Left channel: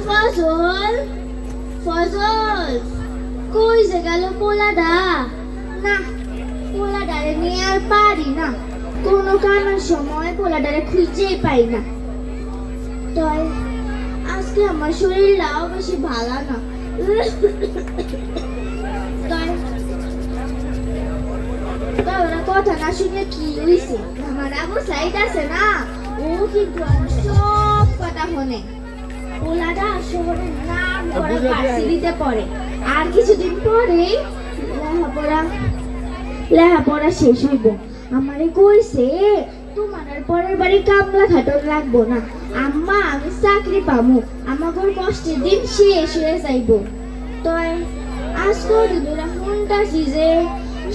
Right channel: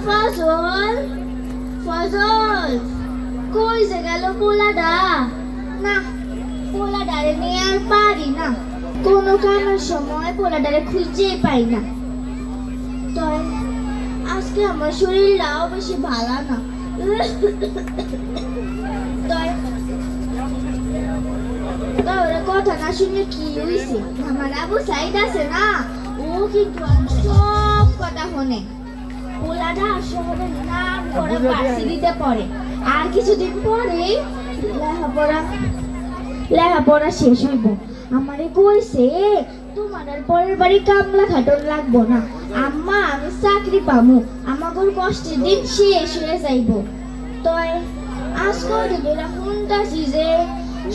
ফজল ফজল কই যে গেল পোলাডা না পোলাডারে নিয়ে আর পারি না কোনো কারণের সময় পোলাডারে খুঁজেই পাই না তাই আজকে আমার শরীরটাও বেশি ভালো না তাই বাবার কথা না শুনে কি হইছে আমার আবু সাইদ আছে না ও কিন্তু সব কথা শুনে পোলাডা শহরের নাম করা ভার্সিটিতে পড়ে আর কিছুদিন পরে লেখাপড়া শেষ হইব আমারে কইছে তোমার আর পরের বাড়ি কামলা খাটন রাখবো না আম্মা আমি চাকরি পাবো আমাগর কষ্টের দিন শেষ হয়ে যাইব তাই আজকাল তোরা শুনতাছি যে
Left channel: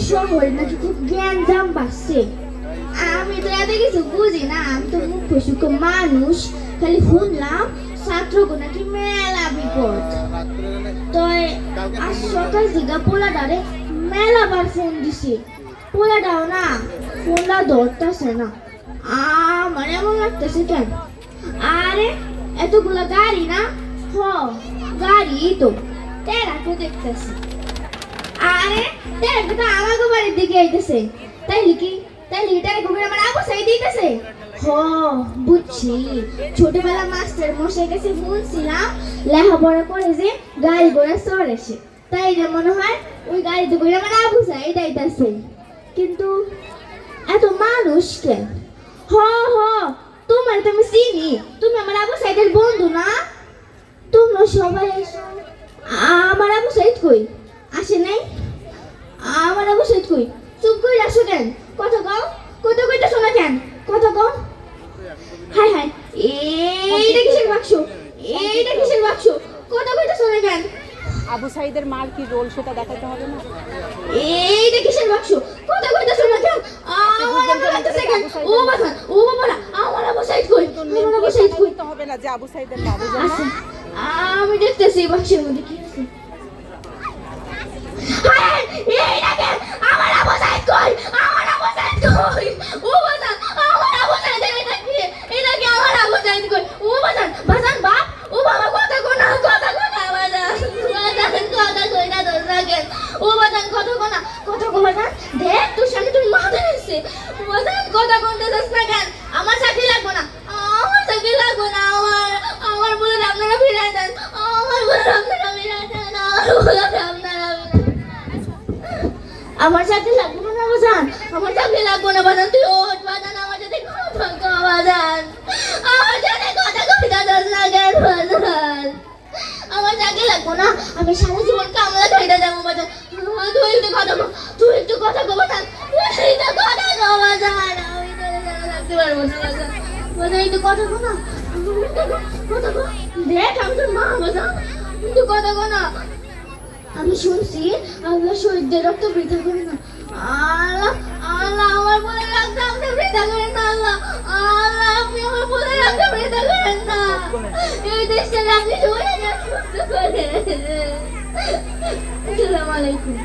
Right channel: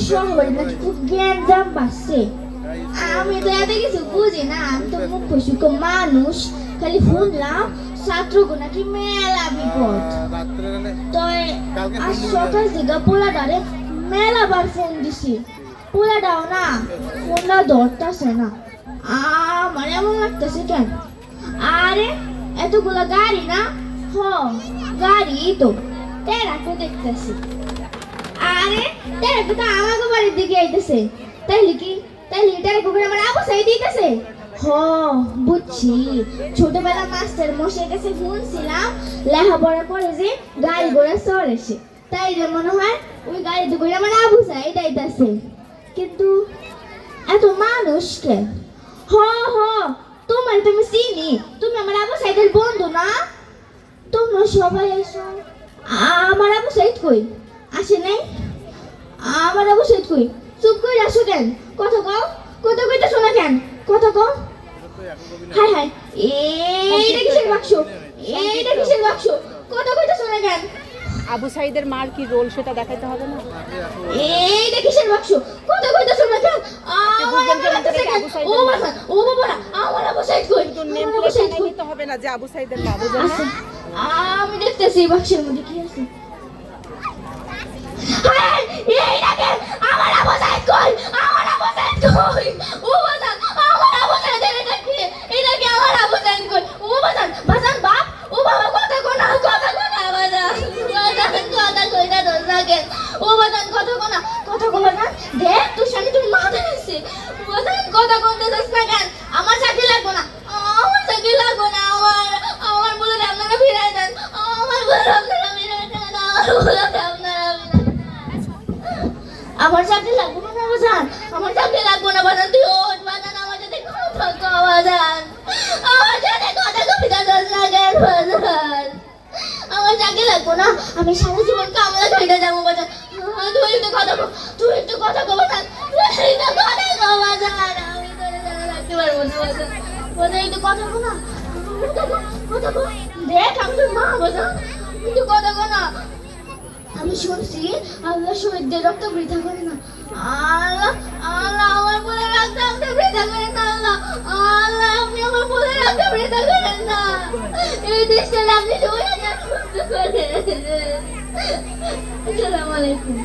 শহরে নাকি খুব জ্ঞান দাম বাড়ছে আমি তো এত কিছু বুঝি না আমি তো মুখ সুখ মানুষ খালি শুনলাম ছাত্রগো নাকি মেলা বিপদ তাই আজ সকাল থেকে পোলাডারে মেলাবার ফোন দিছি পোলাডাও না ফোনটা ধরতেছে না আমার এমন লাগতেছে কেন আরে এতগুলা গাড়ি না হ গাড়ি তো তেরাকে দেখতেছি আরে তেরাকে তো আমাকে বাড়ির দিকে আইতেছে তাইলে কি তাইলে তেরাকে আমার আবু সাইদ দিতেছে হ বুঝছি ছোটবেলা মাস্টার মশাই কাছে শুনছিলাম লেখাপড়া করে যে গাড়ি ঘোড়া চড়েছে তাই যে মনে হয় ওই গাড়িতে করে আমার আবু সাইদ আইতাছে কিন্তু এত মানুষ কেন হ হ তোমার তো আমি চিনি তুমি আমার আবু সাইদের বন্ধু না তোমরা সবাই এসো আমার আবু সাইদ কই আসে নাই আমার আবু সাইদ কই চুপ করে আসো কেন কথা কও কথা কইতে শোনা কেন কথা কও হাই হাই এইটা কিসের বাক্স এইটা কিসের বাক্স কথা কইতে শোনা কেন আবু সাইদের মার কি রোল সেটা দেখাইতে হবে না এইটা কিসের বাক্স কথা কইতে শোনা কেন আপনি বুঝবেন কেমন করে এটা আবু সাইদের মা ও বাবা না আমার আবু সাইদ কই তো নেম প্লেট বানাই নিতে হবে না যে আবু সাইদের মা বুঝেন না আমি দেখতেছি বাক্সের মধ্যে কি আছে এইটাকে আমার আবু সাইদ কই আমার আবু সাইদ কই ও বাবা আমার আবু সাইদ এটা কি আমার আবু সাইদ কই ও বাবা বাজান বাপ ও বাবা কথা কোনা বাজান কথা কই না দরজাকে ও বাজান কথা কোনা দেখ তোর সামনে তুই মাথা নিছে বাজান কথা কোনতে যাস না কেন আমার চাকরি লাগবে না আমার চাকরি লাগবে না আমার বলে আপনারা ফিরে যান আমার বলে আপনারা ফিরে যান আমার চাকরি লাগবে না বাজান আমার চাকরি লাগবে না বাজান তুই ওঠ বাজান আমার সাথে কথা কও বাজান আমার সাথে কথা কই না দরজাকে বাজান আমার চাকরি লাগবে না আমি সারা জীবন কামলা কইরা যাবো বাজান তুই একটু কথা কও বাজান তুই একটু কথা কও বাজান আমি তো রাখতে পারবো না বাজান বাজান একটু কথা কও না কথা কও দেখ আমি তো মা বাজান একটু কথা কও না আমি শুনছি আল্লাহ শহীদদের রক্ত বৃথা করে না আল্লাহ আল্লাহ আমার বলে রক্ত বৃথা করে না আল্লাহ আল্লাহ আপনি আমার বলে রক্ত বৃথা করেন না এই দেশটা আপনি শহীদদের রক্ত করে আসসালামু আলাইকুম